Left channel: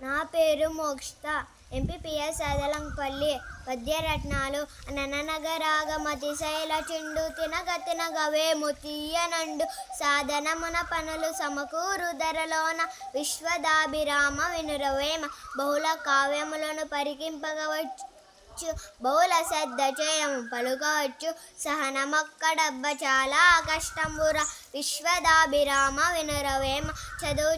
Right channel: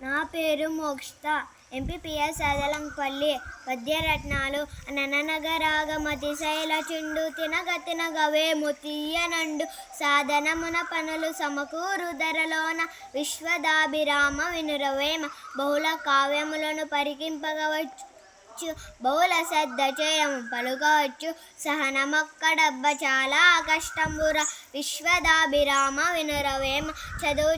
నా పేరు మోక్షిత. ఎంపీపీఎస్ అదలంపల్లి. పద్యరత్నాలు. అననగరాగమతిశైల చిండు తినగ తినగవేము తీయనండు సాధనమున పనులు సమకూరు ధరలోన విశ్వదాభిరామ వినురవేమ బహుళ కావ్యములను పరికింపగవచ్చు బహుళ శ్రద్ధ చేయము పలుకవచ్చు సహనమొక్కడబ్బ చాలా కష్టంబుర విశ్వదాభిరామ వినురవేమ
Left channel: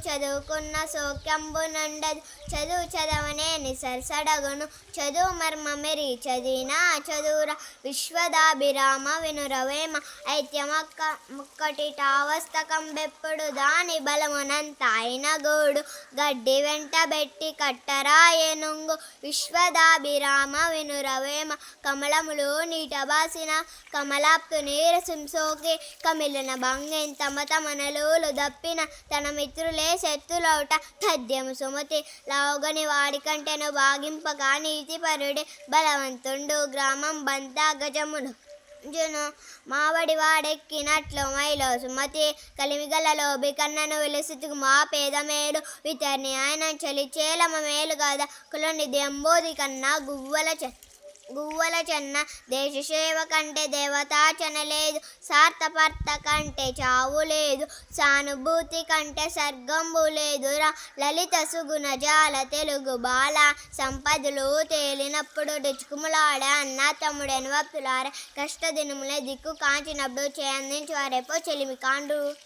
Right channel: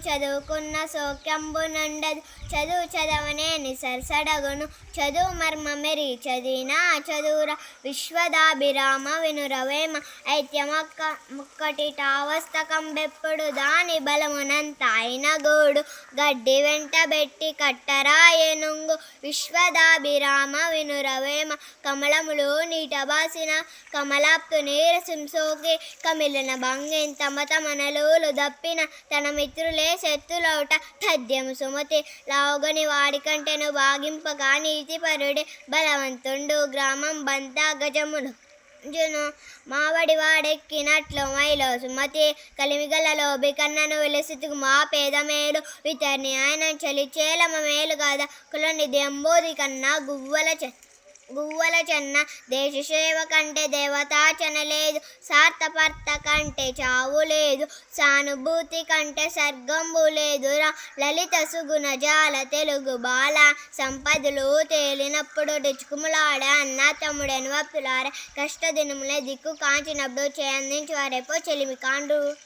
చదువుకున్న సౌఖ్యంబునండదు చదువు చదవనేని సరసడగును చదువు మర్మమెరి చదివినా చదువుర విశ్వదాభిరామ వినురవేమ ఐత్యమొక్కటిటావస్తకంబెప్పుడు దాని బలమునంత అయిన గోడు గడ్డి వెంటబెట్టి కట్టరా ఏనుంగు విశ్వదాభిరామ వినురవేమ కమలములు నీటబాసిన కమలాప్తు నీరసింసోకి కమిలిన భంగిన్ తమ తమనలులు దప్పిన తన మిత్రులే శత్రులౌట తథ్యము సుమతి లావుగని వాడికంటెను భాగింపగా నీతిపరుడి బలవంతుండు గ్రామం బంతా గజమును జును మావడి వాడెక్కినట్లు మైలో సుమతి కలిమిగలలో బికన్నను వెలిసితుకు మా పేద మేలు ఇతరిని ఆయన చలిచేలమ మేలు కదా కులనిధి అంబోది కన్నా గువ్వల చెన్న దేశ సేవ కంటే దేవతాచన లేదు సార్థపర్త కంటే చావు లేదు సానుభూతి కంటే సర్గంబు లేదురా లలిత సుగుణ జాల తెలుగు బాల సంపదలు తేలినప్పుడు డిచుకుములాడ అన్న తమ్ముడని వప్పులార కష్ట దినములే దిక్కు కాంచినప్పుడు చేయందించి వారేపో చెలిమి కాండు.